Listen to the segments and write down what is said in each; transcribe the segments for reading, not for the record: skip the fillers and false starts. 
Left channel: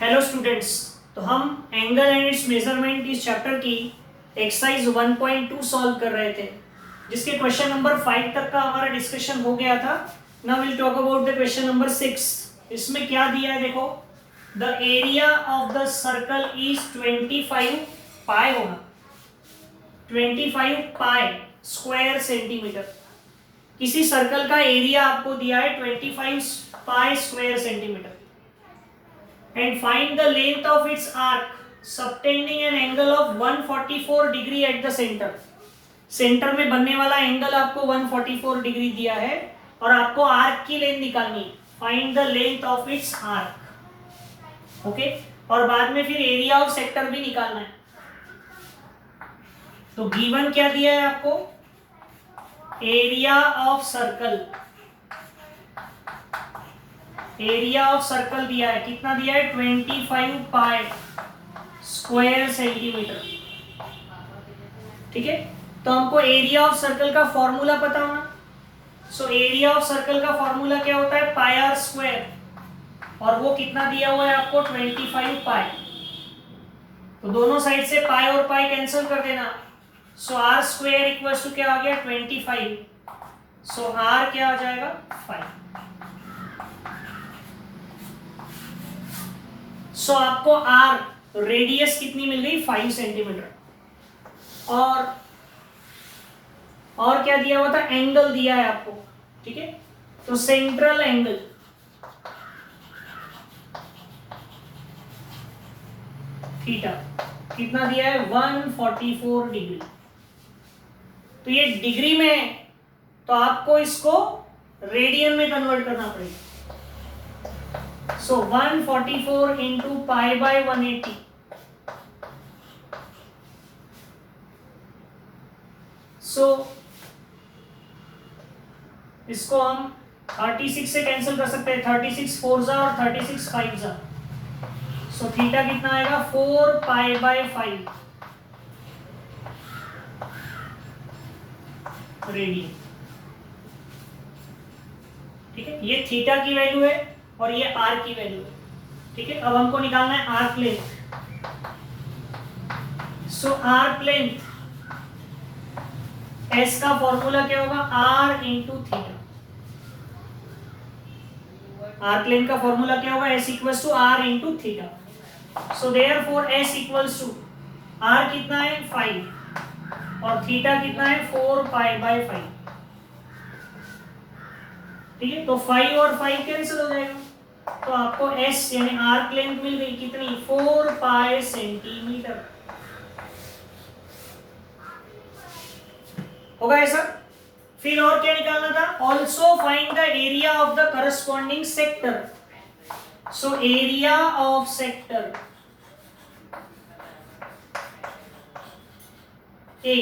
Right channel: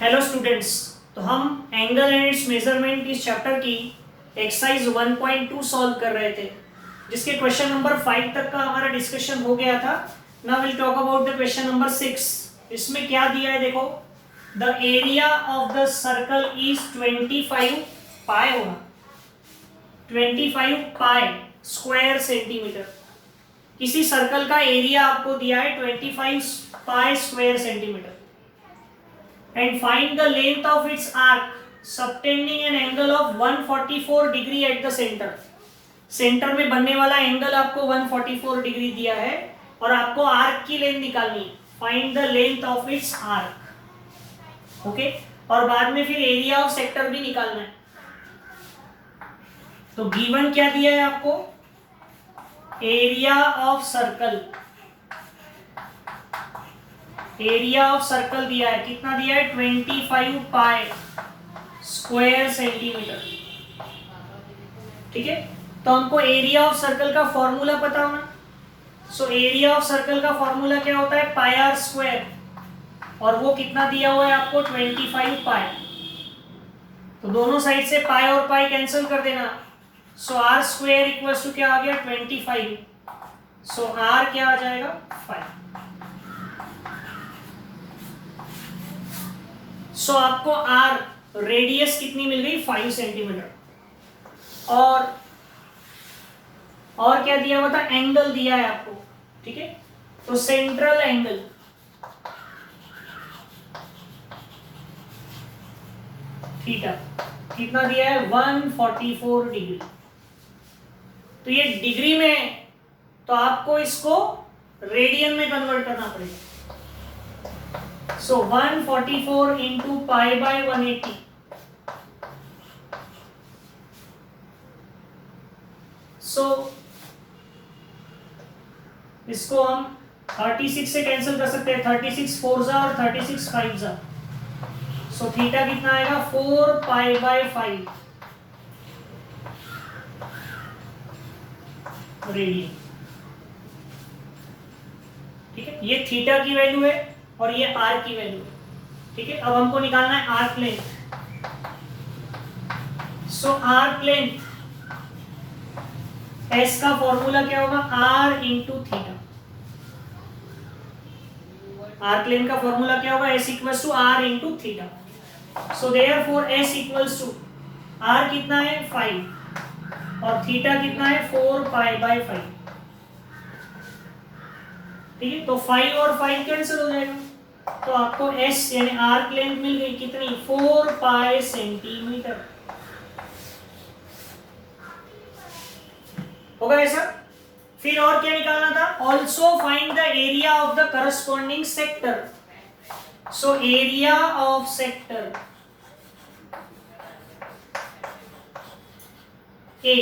Hello students. तो हम angle and it's measurement इस चैप्टर की एक्सरसाइज 1.2 सॉल्व कर रहे थे, जिसके क्वेश्चन नंबर 5 तक का हमारा डिस्कशन हो गया था। Now will talk about the question number 6। इसमें क्या दिया है देखो, the area of the circle is 25 पाई होगा, 25 पाई स्क्वायर सेंटीमीटर। किसी सर्कल का एरिया आपको दिया है 25 pi square centimetre and find the length of its arc subtending an angle of 144 degree at the center। Centre में बनने वाला एंगल आपको 144 डिग्री दिया है और आपको आर्क की लेंथ निकालनी है। Find the length of its arc. Okay, और बाद में फिर एरिया ऑफ सेक्टर भी निकालना है। तो गिवन क्या दिया है आपको, area of circle, area of circle दिया है, कितना दिया है 25 पाई स्क्वायर सेंटीमीटर। ठीक है, तो हमको एरिया ऑफ सर्कल का फॉर्मूला पता होना। सो एरिया ऑफ सर्कल का फॉर्मूला क्या होता है, पाई आर स्क्वायर, और वो कितना दिया हुआ है आपको 25 पाई। तो दोनों साइड से पाई और पाई कैंसिल कर देना। सो आर स्क्वायर इक्वल टू क्या आ गया 25। सो आर क्या आ जाएगा 5। सो आपको आर रेडियस कितनी मिल गई 5 सेंटीमीटर। और क्या दिया हुआ था, एंगल दिया है आपको। ठीक है, तो सेंट्रल एंगल थीटा कितना दिया है 144 डिग्री। तो ये डिग्री में, तो आपको इसको रेडियन में कन्वर्ट करना पड़ेगा। So 144 into pi by 180। So इसको हम 36 से कैंसिल कर सकते हैं, 36 4 जा और 36 5 जा। सो थीटा कितना आएगा 4 पाई बाय 5 रेडियन। ठीक है, ये थीटा की वैल्यू है और ये आर की वैल्यू है। ठीक है, अब हमको निकालना है arc length. So arc length, S का फॉर्मूला क्या होगा, R into theta. Arc length का फॉर्मूला क्या होगा, S equals to R into theta. So therefore S equals to R कितना है 5 और थीटा कितना है 4 पाई बाय 5। ठीक है, तो 5 और 5 कैंसिल हो जाएगा, तो आपको एस यानी आर्क लेंथ मिल गई कितनी 4 पाई सेंटीमीटर। होगा ऐसा। फिर और क्या निकालना था, also find the area of the corresponding sector. So area of sector A,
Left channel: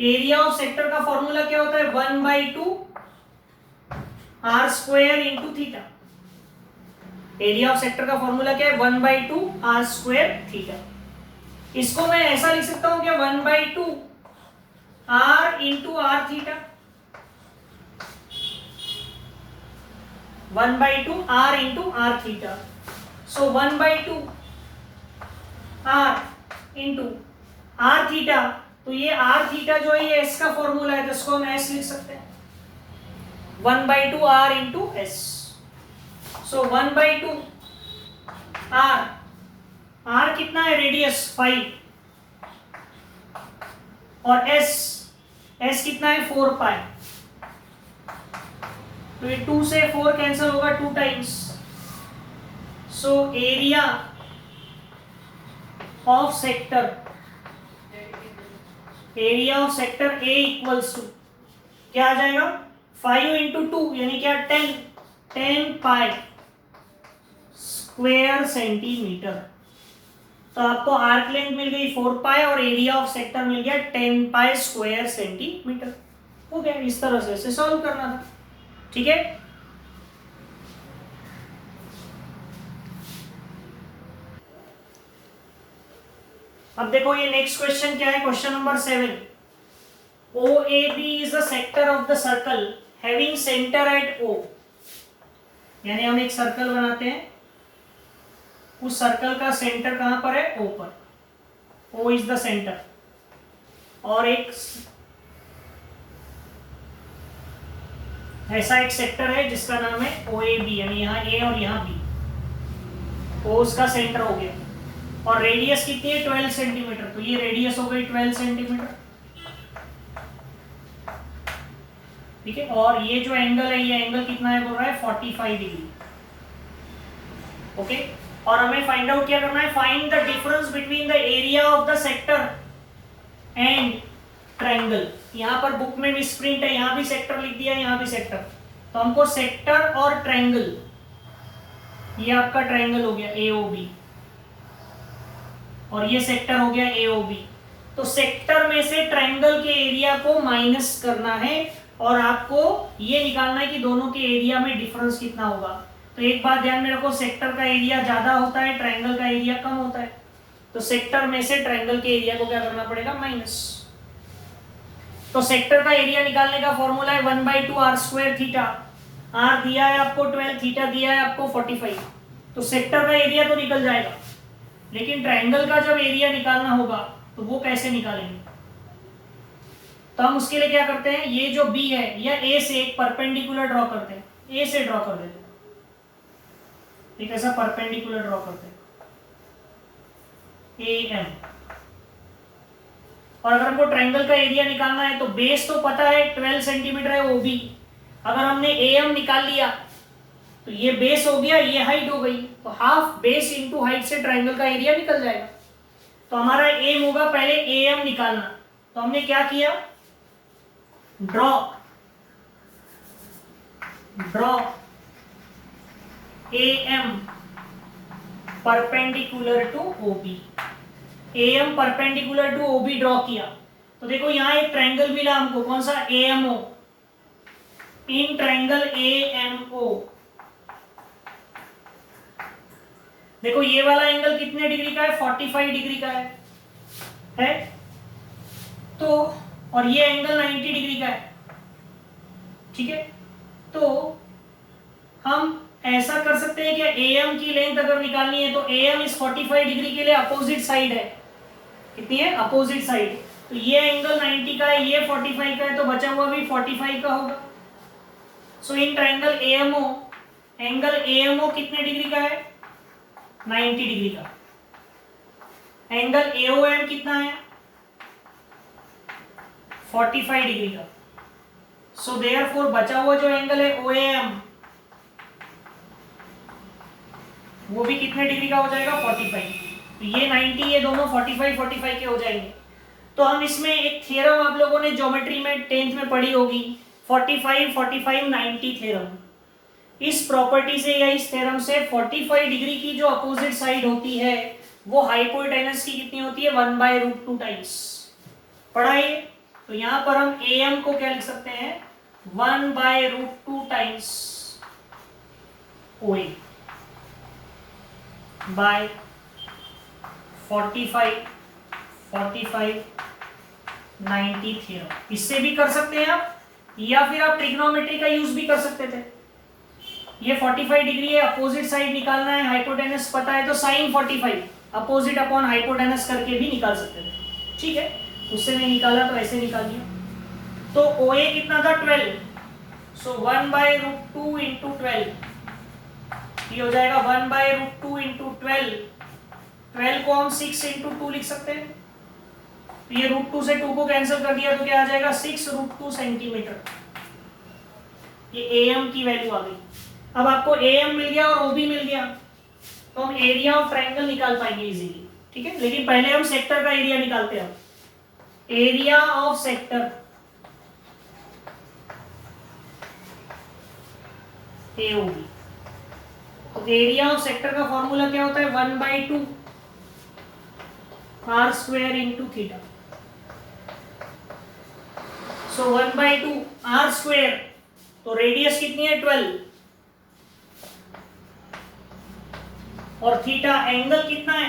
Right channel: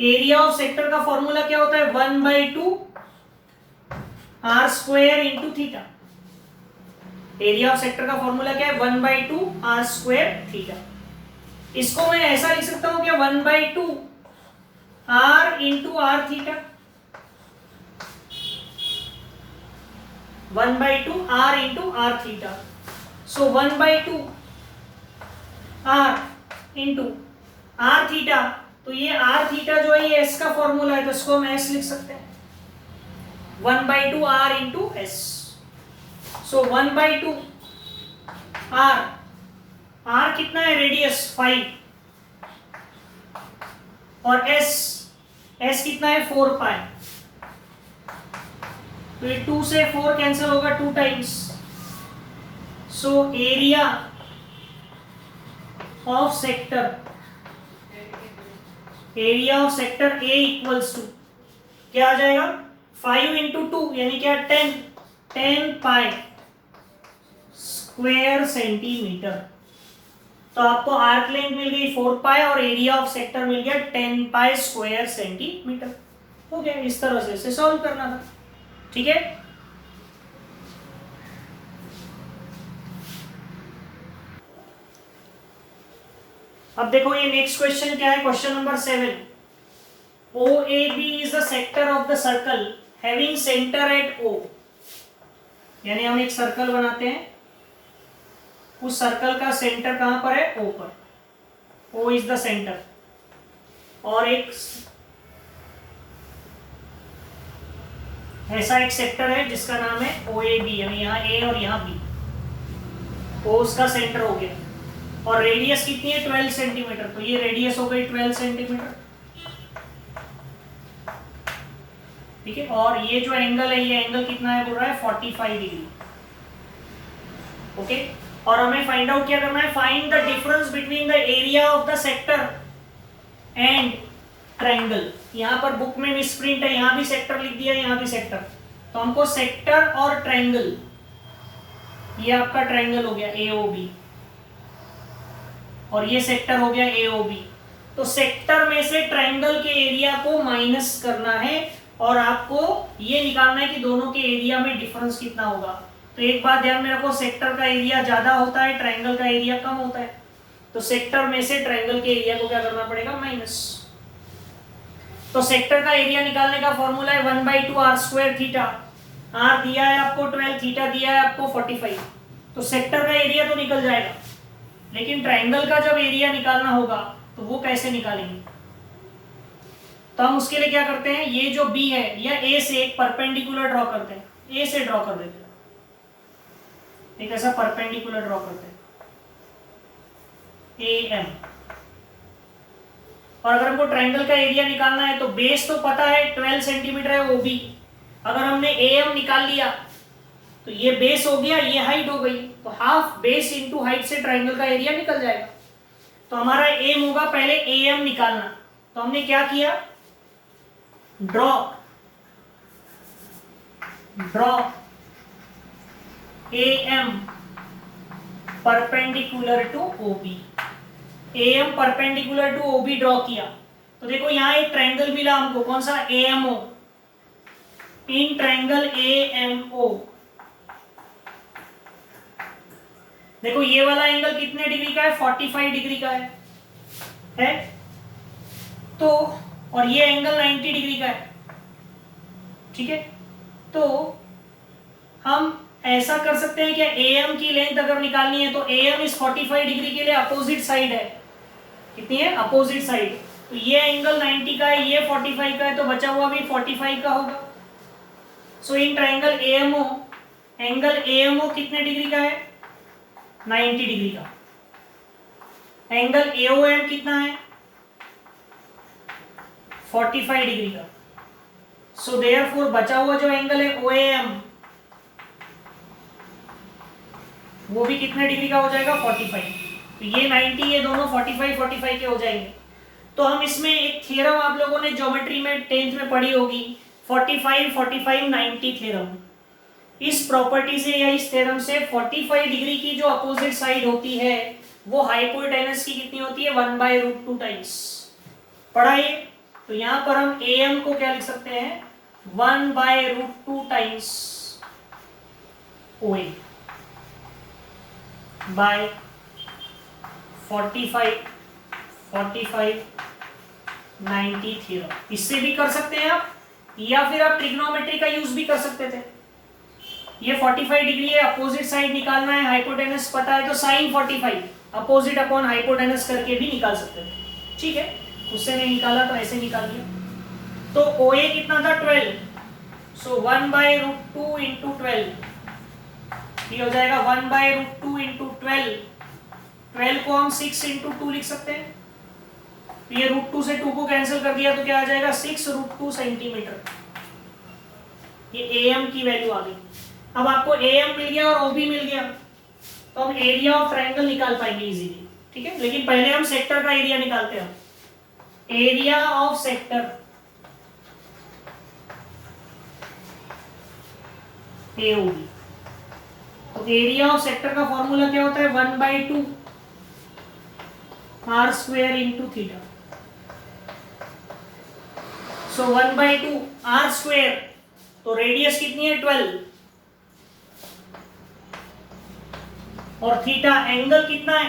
area of sector का फॉर्मूला क्या होता है 1/2 R square into theta. Area of sector का फॉर्मूला क्या है 1/2 आर स्क्वायर थीटा। इसको मैं ऐसा लिख सकता हूं क्या 1/2 R into R theta, 1/2 R into R theta. So 1/2 R into R theta, तो ये आर थीटा जो है ये एस का फॉर्मूला है, तो इसको हम एस लिख सकते हैं 1/2 R into S. So 1/2 R, R कितना है रेडियस 5 और एस, एस कितना है 4 पाई। तो ये 2 से 4 कैंसिल होगा 2 times. So area of sector, area of sector A equals to क्या आ जाएगा 5 इंटू 2 यानी क्या 10 पाई स्क्वायर सेंटीमीटर। तो आपको आर्क लेंथ मिल गई 4 पाई और एरिया ऑफ सेक्टर मिल गया 10 पाई स्क्वायर सेंटीमीटर। हो गया, इस तरह से इसे सॉल्व करना था। ठीक है, अब देखो ये नेक्स्ट क्वेश्चन क्या है, question number 7। OAB is the sector of the circle having center at O। यानी हम एक सर्कल बनाते हैं उस सर्कल का सेंटर कहां पर है, ओ पर, ओ इज द सेंटर, और एक ऐसा एक सेक्टर है जिसका नाम है ओ ए बी, यानी यहाँ ए और यहाँ बी, ओ उसका सेंटर हो गया, और रेडियस कितनी है 12 सेंटीमीटर, तो ये रेडियस हो गई 12 सेंटीमीटर, ठीक है। और ये जो एंगल है, ये एंगल कितना है बोल रहा है 45 डिग्री, ओके। और हमें फाइंड आउट क्या करना है, find the difference between the area of the sector and triangle. यहाँ पर बुक में मिसप्रिंट है, यहाँ भी सेक्टर लिख दिया, यहाँ भी सेक्टर, तो हमको सेक्टर और ट्रायंगल, ये आपका ट्रायंगल हो गया AOB, और ये सेक्टर हो गया AOB, तो सेक्टर में से ट्रायंगल के एरिया को माइनस करना है, और आपको ये निकालना है कि दोनों के एरिया में डिफरेंस कितना होगा। तो एक बात ध्यान में रखो, सेक्टर का एरिया ज्यादा होता है, ट्रायंगल का एरिया कम होता है, तो सेक्टर में से ट्रायंगल के एरिया को क्या करना पड़ेगा, माइनस। तो सेक्टर का एरिया निकालने का फॉर्मूला है 1/2 r स्क्वायर थीटा, r दिया है आपको 12, थीटा दिया है आपको 45, तो सेक्टर का एरिया तो निकल जाएगा, लेकिन ट्रायंगल का जब एरिया निकालना होगा तो वो कैसे निकालेंगे, तो हम उसके लिए क्या करते हैं, ये जो B है या A से एक परपेंडिकुलर ड्रॉ करते हैं, A से ड्रॉ कर देते हैं, एक ऐसा परपेंडिकुलर ड्रॉ करते हैं AM। और अगर हमको ट्रायंगल का एरिया निकालना है तो बेस तो पता है 12 सेंटीमीटर है OB, अगर हमने AM निकाल लिया तो ये बेस हो गया, ये हाइट हो गई, तो हाफ बेस इंटू हाइट से ट्रायंगल का एरिया निकल जाएगा। तो हमारा एम होगा पहले AM निकालना, तो हमने क्या किया, draw AM perpendicular to OB, AM perpendicular to OB draw किया, तो देखो यहाँ एक ट्रायंगल मिला हमको, कौन सा, AMO, इन ट्रायंगल AMO, देखो ये वाला एंगल कितने डिग्री का है, 45 डिग्री का है, तो और ये एंगल 90 डिग्री का है, ठीक है। तो हम ऐसा कर सकते हैं क्या, AM की लेंथ अगर निकालनी है तो AM इस 45 डिग्री के लिए अपोजिट साइड है, कितनी है, अपोजिट साइड, तो ये एंगल 90 का है, ये 45 का है, तो बचा हुआ भी 45 का होगा। So in triangle AMO, angle AMO कितने डिग्री का है, 90 डिग्री का। एंगल AOM कितना है, 45 डिग्री का। सो देयरफॉर बचा हुआ जो एंगल है OAM, वो भी कितने डिग्री का हो जाएगा, 45। तो ये 90, ये दोनों 45 के हो जाएंगे। तो हम इसमें एक थ्योरम आप लोगों ने ज्योमेट्री में 10th में पढ़ी होगी, 45-45-90 थ्योरम। इस प्रॉपर्टी से या इस थ्योरम से 45 डिग्री की जो अपोजिट साइड होती है वो हाइपोटेनस की कितनी होती है, 1/√2 टाइम्स, पढ़ा है। तो यहाँ पर हम AM को क्या लिख सकते हैं, 1/√2 टाइम्स OA बाय 45-90 थ्योरम। इससे भी कर सकते हैं आप, या फिर आप ट्रिग्नोमेट्री का यूज भी कर सकते थे। ये 45 डिग्री है, अपोजिट साइड निकालना है, हाइपोटेनस पता है, तो sin 45 अपोजिट अपॉन हाइपोटेनस करके भी निकाल सकते थे, ठीक है। उससे नहीं निकाला तो ऐसे निकाल दिया। तो OA कितना था, 12, सो 1/√2 इंटू 12, ये हो जाएगा 1/√2 इंटू 12 को हम 6 इंटू 2 लिख सकते हैं। ये √2 से 2 को कैंसिल कर दिया तो क्या आ जाएगा, 6√2 सेंटीमीटर। ये AM की वैल्यू आ गई। अब आपको AM मिल गया और OB मिल गया, तो हम एरिया ऑफ ट्रायंगल निकाल पाएंगे इजीली, ठीक है। लेकिन पहले हम सेक्टर का एरिया निकालते हैं। एरिया ऑफ सेक्टर AOB, तो एरिया ऑफ सेक्टर का फॉर्मूला क्या होता है, 1/2 r square into theta. So 1/2 r square, तो रेडियस कितनी है, 12, और थीटा एंगल कितना है,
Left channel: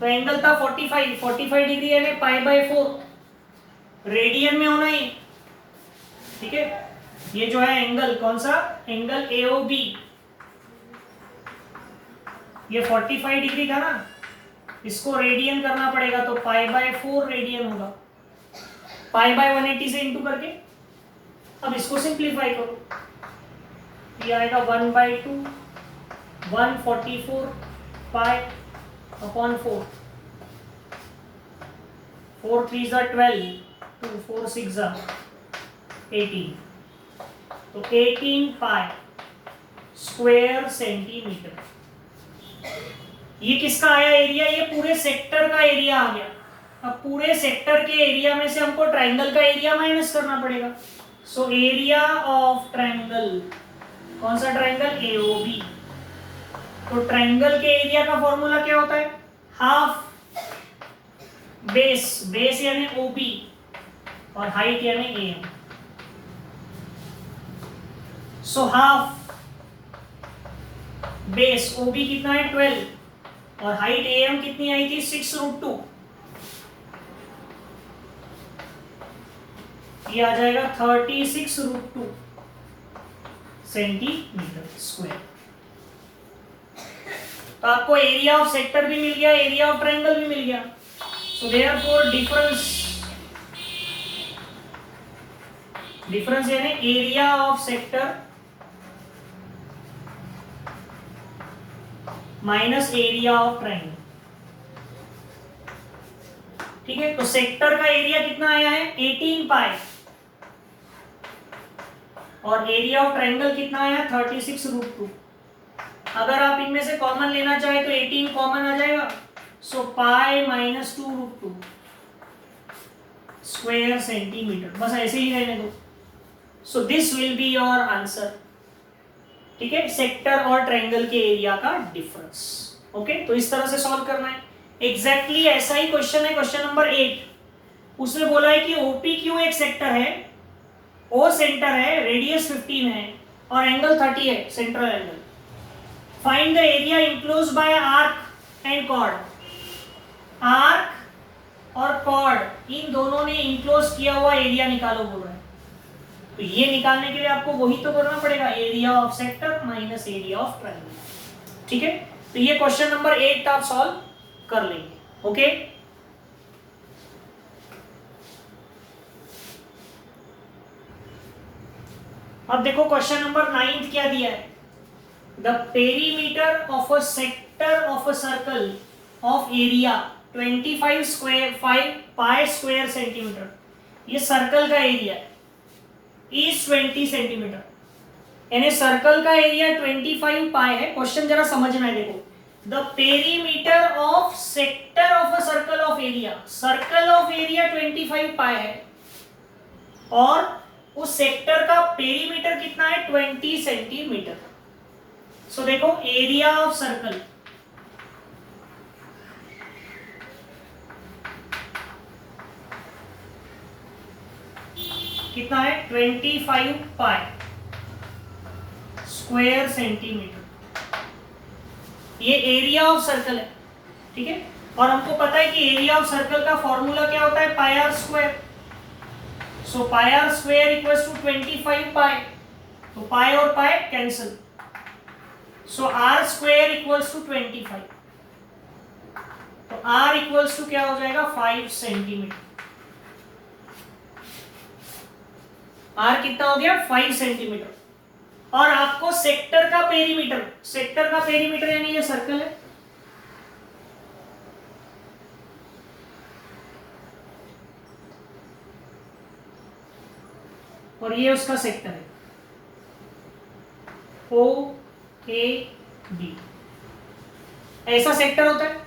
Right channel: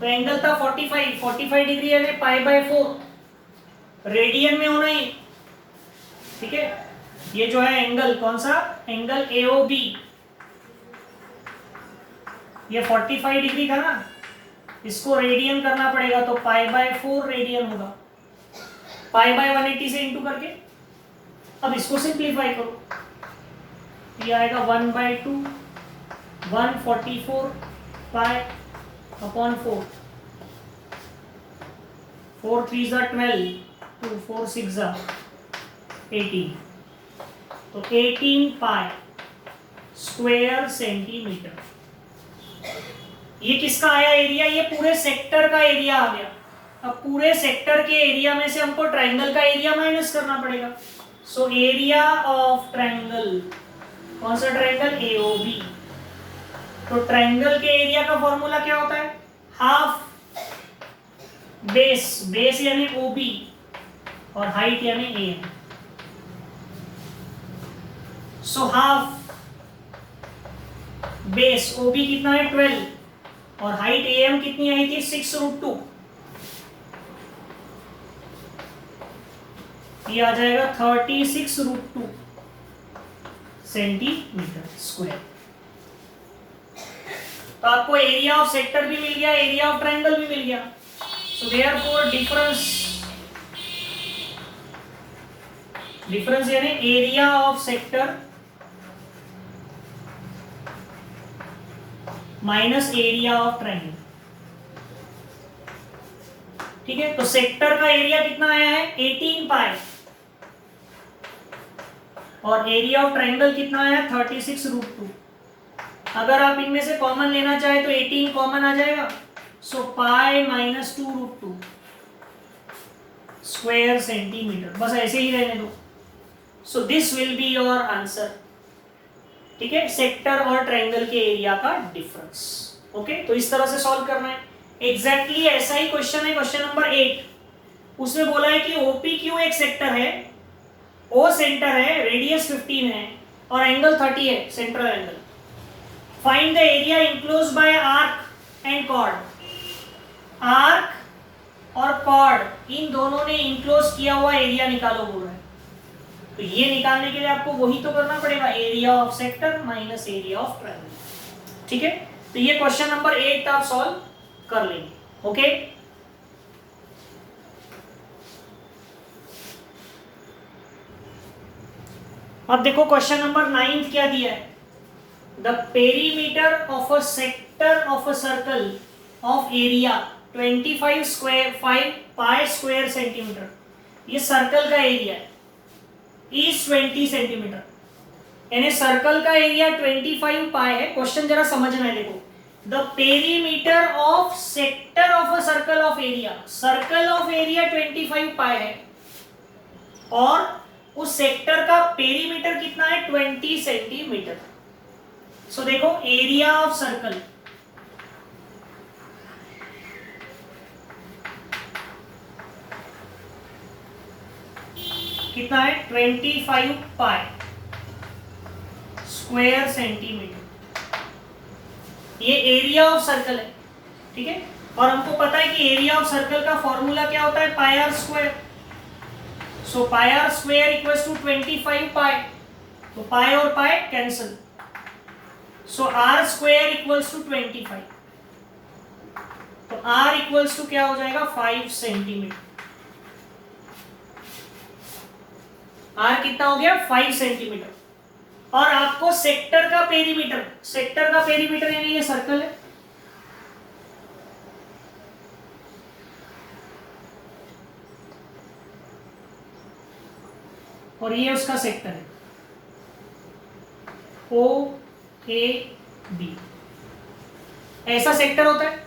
तो एंगल था 45 डिग्री है, π/4 रेडियन में होना ही, ठीक है। ये जो है एंगल कौन सा, एंगल AOB, ये 45 डिग्री था ना, इसको रेडियन करना पड़ेगा तो π/4 रेडियन होगा, π/180 से इंटू करके। अब इसको सिंप्लीफाई करो, ये आएगा 1/2 144 π/4, 4 3 12, 2 4 6 18, तो 18 पाई स्क्वायर सेंटीमीटर। ये किसका आया एरिया? ये पूरे सेक्टर का एरिया आ गया। अब पूरे सेक्टर के एरिया में से हमको ट्राइंगल का एरिया माइनस करना पड़ेगा। सो एरिया ऑफ ट्राइंगल, कौन सा ट्राइंगल? एओबी। तो ट्राइंगल के एरिया का फॉर्मूला क्या होता है? हाफ बेस, बेस यानी ओबी और हाइट यानी एएम। सो हाफ बेस ओबी कितना है? 12 और हाइट एएम कितनी आई थी? 6√2। ये आ जाएगा 36√2 सेंटीमीटर स्क्वायर। तो आपको एरिया ऑफ सेक्टर भी मिल गया, एरिया ऑफ ट्रायंगल भी मिल गया। सो देयरफॉर डिफरेंस यानी area of sector minus area of triangle. ठीक है, तो सेक्टर का एरिया कितना आया है? 18 पाई और एरिया ऑफ ट्रायंगल कितना आया? 36√2। अगर आप इनमें से कॉमन लेना चाहे तो 18 कॉमन आ जाएगा। सो पाई माइनस 2√2 स्क्वायर सेंटीमीटर। बस ऐसे ही रहने दो। So this will be your answer. ठीक है, सेक्टर और ट्रायंगल के एरिया का डिफरेंस। ओके, तो इस तरह से सॉल्व करना है। एग्जैक्टली ऐसा ही क्वेश्चन है, क्वेश्चन नंबर 8। उसमें बोला है कि OPQ एक सेक्टर है, O सेंटर है, रेडियस 15 है और एंगल 30 है, central angle. Find the area enclosed bye arc and chord. Arc और कॉर्ड इन दोनों ने इनक्लोज किया हुआ एरिया निकालो बोल रहे हैं। तो ये निकालने के लिए आपको वही तो करना पड़ेगा, area of sector minus area of triangle. ठीक है, तो ये क्वेश्चन नंबर 8 आप सॉल्व कर लेंगे। ओके, अब देखो क्वेश्चन नंबर 9 क्या दिया है। The perimeter of a sector of a circle of area 25 square 5 pi square centimetre. ये सर्कल का एरिया है, इज 20 सेंटीमीटर, यानी सर्कल का एरिया 25 पाई है। क्वेश्चन जरा समझना है, देखो the perimeter of sector of a circle of area. Circle of area 25 पाई है और उस सेक्टर का पेरीमीटर कितना है? 20 सेंटीमीटर। सो देखो एरिया ऑफ सर्कल कितना है? 25 पाई स्क्वायर सेंटीमीटर। ये एरिया ऑफ सर्कल है। ठीक है, और हमको पता है कि एरिया ऑफ सर्कल का फॉर्मूला क्या होता है? Pi R square. So pi R square equals to 25 pi, तो पाई और pi cancel. So R square equals to 25, तो आर इक्वल्स टू क्या हो जाएगा? 5 सेंटीमीटर। आर कितना हो गया? 5 सेंटीमीटर। और आपको सेक्टर का पेरीमीटर, सेक्टर का पेरीमीटर यानी ये सर्कल है, और ये उसका सेक्टर है OAB। ऐसा सेक्टर होता है।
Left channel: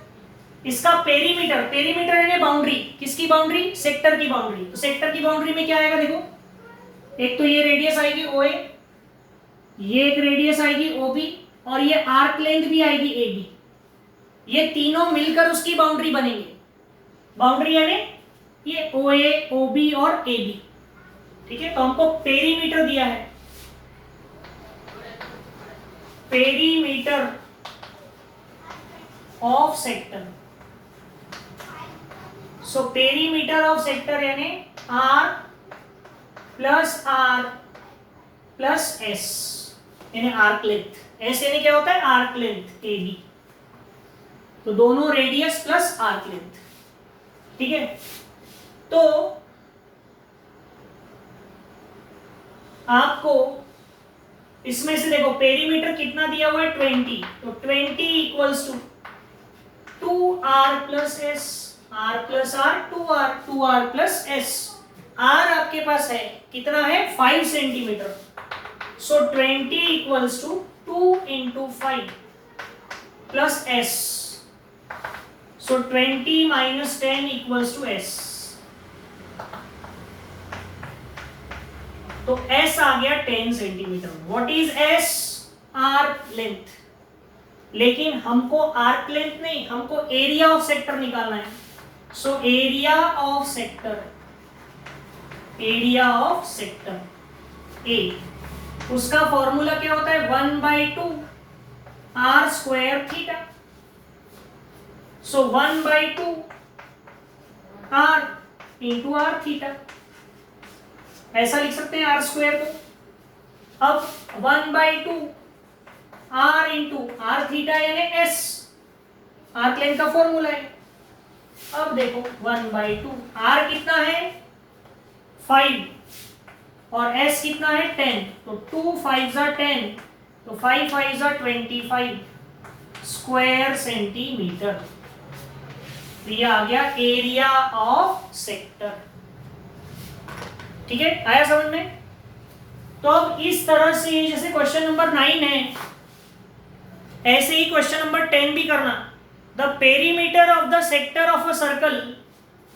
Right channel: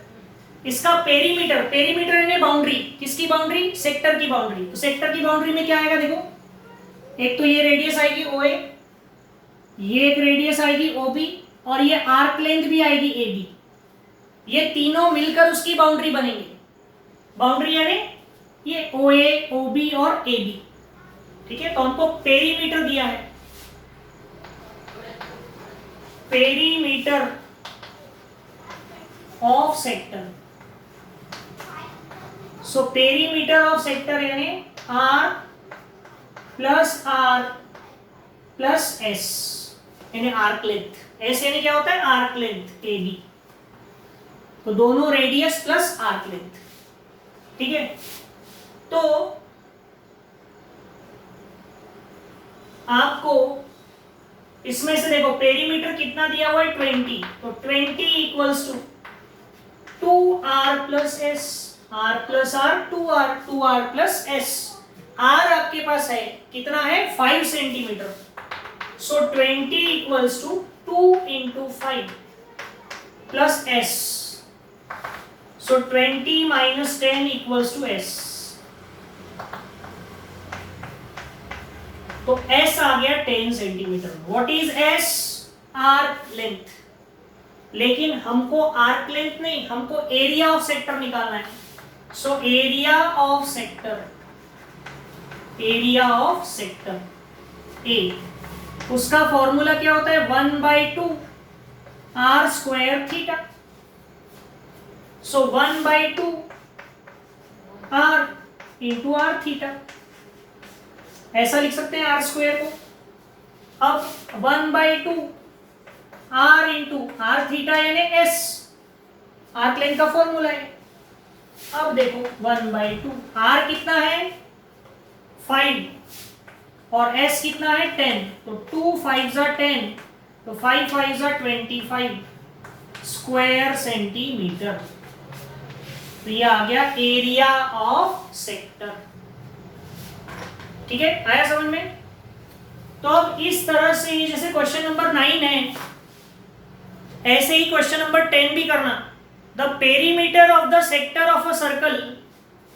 इसका पेरीमीटर, पेरीमीटर यानी बाउंड्री। किसकी बाउंड्री? सेक्टर की बाउंड्री। तो सेक्टर की बाउंड्री में क्या आएगा? देखो, एक तो ये रेडियस आएगी OA, ये एक रेडियस आएगी OB और ये आर्क लेंथ भी आएगी AB। ये तीनों मिलकर उसकी बाउंड्री बनेंगे। बाउंड्री यानी ये OA, OB और AB। ठीक है, तो हमको पेरीमीटर दिया है, perimeter of sector. So perimeter of sector यानी R plus R plus S यानी आर्क लेंथ। S यानी क्या होता है? Arc length AB। तो दोनों रेडियस प्लस आर्क लेंथ, ठीक है। तो आपको इसमें से देखो पेरीमीटर कितना दिया हुआ है 20, तो 20 equals to 2r plus S, r plus R 2r plus S. r आपके पास है कितना है 5 centimetre, so 20 equals to 2 into 5 plus S, so 20 minus 10 equals to S. तो S आ गया 10 centimetre. What is S? Arc length. लेकिन हमको आर्क लेंथ नहीं, हमको एरिया ऑफ सेक्टर निकालना है। So area of sector A, उसका फॉर्मूला क्या होता है 1/2 R square theta. So 1/2 R into R theta, ऐसा लिख सकते हैं आर स्क्वायर को। अब 1/2 आर इंटू आर थीटा यानी एस, आर्क लेंथ का फॉर्मूला है। अब देखो 1/2 आर कितना है 5 और एस कितना है 10, तो 2 5 जा 10, तो 5 5 जा 25 स्क्वायर सेंटीमीटर। तो ये आ गया एरिया ऑफ सेक्टर, ठीक है, आया समझ में। तो अब इस तरह से जैसे क्वेश्चन नंबर 9 है, ऐसे ही क्वेश्चन नंबर 10 भी करना। The perimeter of the sector of a circle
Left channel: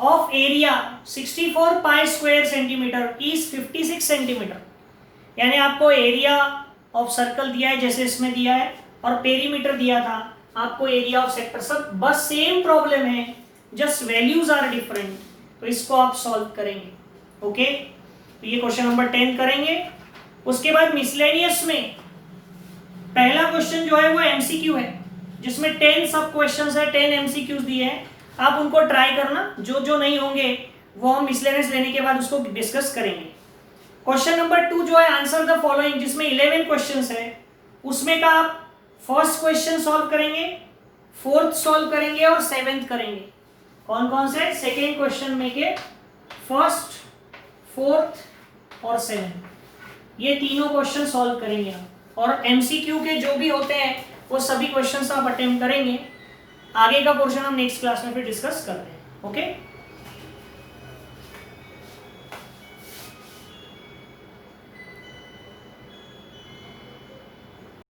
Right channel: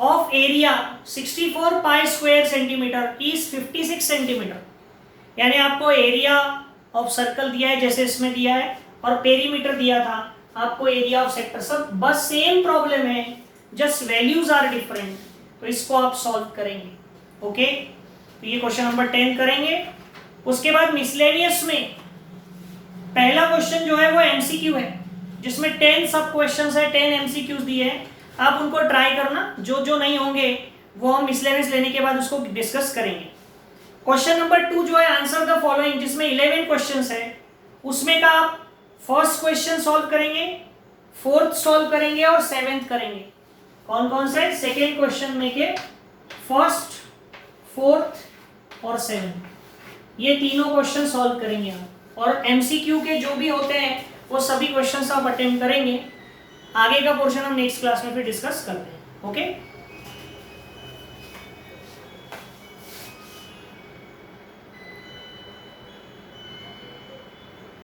of area 64 pi square centimetre is 56 centimetre. यानी आपको एरिया ऑफ सर्कल दिया है जैसे इसमें दिया है, और पेरीमीटर दिया था आपको एरिया ऑफ सेक्टर, सब बस सेम प्रॉब्लम है, जस्ट वैल्यूज आर डिफरेंट। तो इसको आप सॉल्व करेंगे, ओके। तो ये क्वेश्चन नंबर 10 करेंगे। उसके बाद मिसलेनियस में पहला क्वेश्चन जो है वो एमसीक्यू है, जिसमें 10 सब क्वेश्चंस है, 10 एमसीक्यूज दिए हैं। आप उनको ट्राई करना, जो जो नहीं होंगे वो हम मिसलेनियस लेने के बाद उसको डिस्कस करेंगे। क्वेश्चन नंबर 2 जो है आंसर द फॉलोइंग, जिसमें 11 क्वेश्चंस है, उसमें का आप फर्स्ट क्वेश्चन सॉल्व करेंगे, फोर्थ सॉल्व करेंगे और 7th करेंगे। कौन कौन से? सेकेंड क्वेश्चन में के फर्स्ट, फोर्थ और 7th, ये तीनों क्वेश्चन सॉल्व करेंगे हम। और एमसीक्यू के जो भी होते हैं वो सभी क्वेश्चंस आप अटेम्प्ट करेंगे। आगे का पोर्शन हम नेक्स्ट क्लास में फिर डिस्कस करते हैं, ओके।